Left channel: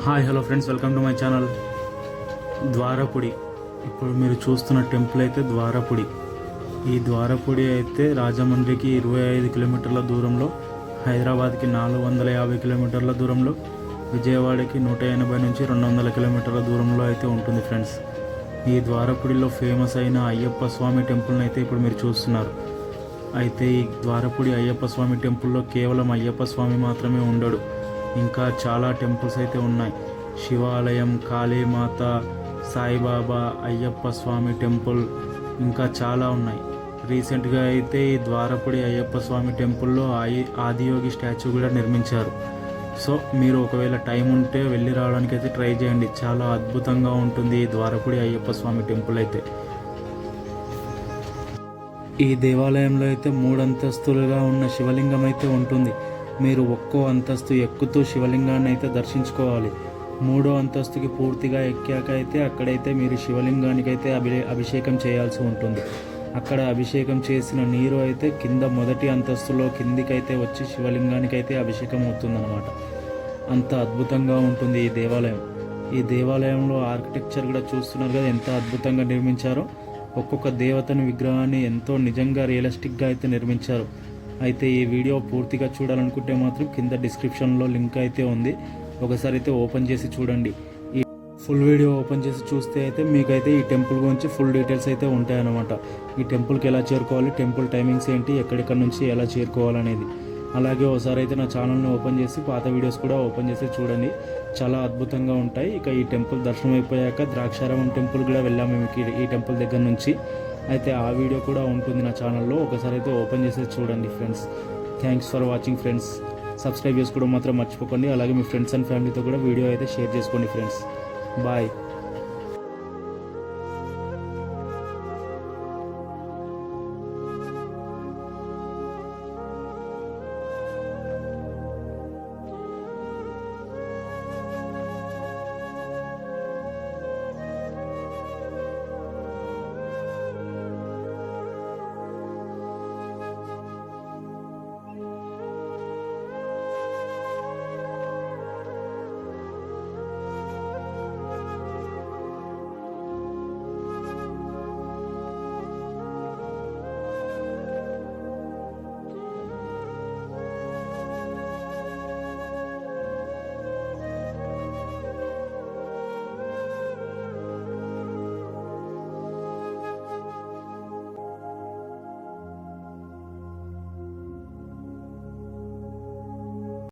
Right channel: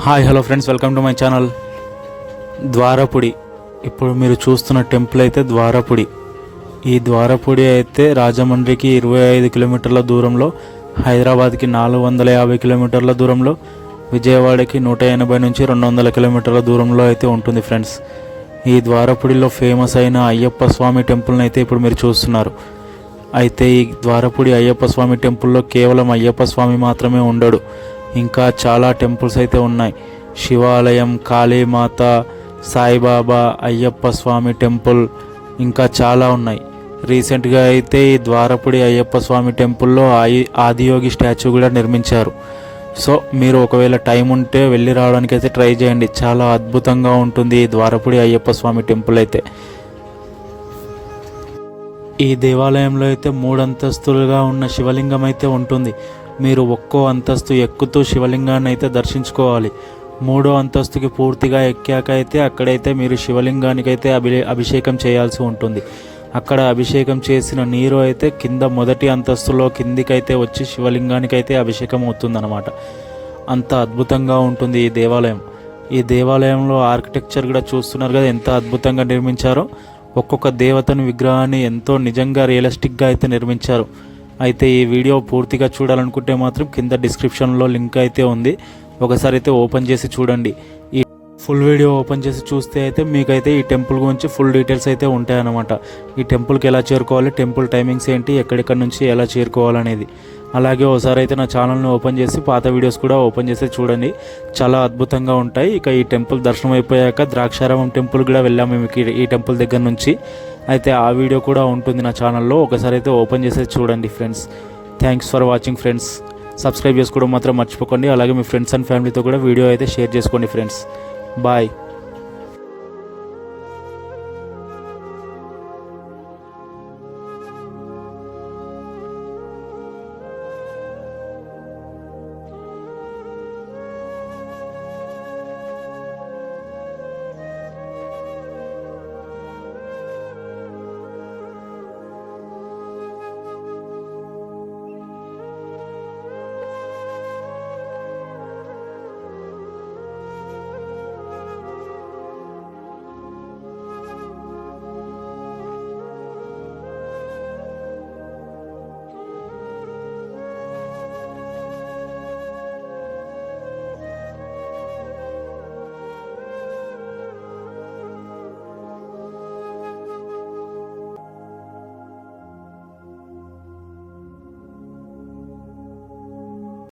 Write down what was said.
Hi hello friends, welcome to my channel. Dwarapudi. ఇప్పుడు మీరు చూస్తున్న టెంపుల్ అయితే ద్వారపుడి. ఈ ద్వారపుడి అయితే రాజమండ్రికి 25 కిలోమీటర్ల దూరంలో, హైదరాబాద్కి 450 కిలోమీటర్ల దూరంలో, విజయవాడకి 180 నుంచి 200 కిలోమీటర్ల దూరంలో అయితే ఉంటుంది ఫ్రెండ్స్. ఈ ద్వారపుడిలో ఫేమస్ అయిన అయ్యప్ప స్వామి టెంపుల్ని అయితే ఇప్పుడు మీరు చూస్తున్నారు. అయితే ఈ ద్వారపుడి అయ్యప్ప స్వామి టెంపుల్లో కేవలం అయ్యప్ప స్వామి మాత్రమే ఉండడు, ఇంకా చాలా టెంపుల్స్ అయితే ఉన్నాయి. శివాలయం, కాళీమాత, సాయిబాబా, అయ్యప్ప స్వామి టెంపుల్, ఇంకా చాలా ఉన్నాయి. రీసెంట్గా అయితే ఈ ద్వారపుడి అయ్యప్ప స్వామి టెంపుల్లో ఆదియోగి స్టాచ్యూ కూడా నిర్మించారు. సో మీరు ఒకవేళ టైం ఉంటే వెళ్ళి రావడానికి అయితే ట్రై చేయండి. చాలా అద్భుతంగా ఉంటుంది ఈ ద్వారపుడి అయ్యప్ప స్వామి టెంపుల్ అయితే. ఈ దేవాలయంలో అయితే 3 అంతస్తులుగా ఉన్న శివలింగం అయితే ఉంటుంది. మీరు ఒక్కో అంతస్తు ఎక్కుతూ శివలింగాన్ని అయితే దర్శించుకోవాలి. 3వ అంతస్తుకి పూర్తిగా ఎక్కాక అయితే అక్కడైతే మీరు శివలింగానికి అయితే అభిషేకం చేయాల్సి ఉంటుంది. అక్కడ అభిషేకం చేసిన నీరు అయితే కింద మొదటి అంతస్తులో కిందికైతే వచ్చి శివలింగానికి అయితే అభిషేకం అవుతుందన్నమాట. అంత అద్భుతంగా ఉంటుంది ఈ దేవాలయం. ఈ దేవాలయంలో ఆర్కిటెక్చర్ కూడా చూస్తున్నారు కదా, ఎంత అద్భుతంగా నిర్మించారో. ఒక్కొక్క దేవతను విగ్రహాన్ని ఎంతో నిజంగా రియలిస్టిక్గా అయితే నిర్మించారు. అయితే ఈ వీడియో పూర్తిగా చూడాలనుకుంటే మాత్రం కింద డిస్క్రిప్షన్లో లింక్ అయితే ఉంది, ఒకసారి అయితే ఓపెన్ చేసి చూడండి. ఈ ఫుల్ వీడియో ఓపెన్ చేసి చూస్తే అయితే మీకైతే ఈ టెంపుల్ గురించి ఫుల్ డీటెయిల్స్ అయితే ఉంటాయన్నమాట. ఈ టెంపుల్కి ఎలా చేరుకోవాలి, టెంపుల్ టైమింగ్స్ ఏంటి, ఎక్కడెక్కడి నుంచి ఎలా చేరుకోవాలనేది. అలాగే ఒకసారి అయితే నా ఛానల్ని ఓపెన్ చేసి పాత వీడియోస్ కూడా ఓపెన్ చేసి చూడండి, చాలా అద్భుతంగా ఉంటాయి. ఇక ఈ టెంపుల్ దర్శనం అయిపోయాక ద్రాక్షారామం టెంపుల్ కూడా వెళ్ళాము మేము ఈ టెంపుల్ దగ్గర నుంచి. అయితే ఆ వీడియో కూడా ఉంటుంది నా ఛానల్లో, ఒకసారి అయితే ఓపెన్ చేసి చూడండి friends. Thanks for watching friends. Subscribe చేసుకోవడం మాత్రం మర్చిపోకండి. అలాగే మీ ఫ్రెండ్స్ అండ్ ఫ్యామిలీతో కూడా వీడియో అయితే షేర్ చేసుకోండి ఫ్రెండ్స్. బాయ్.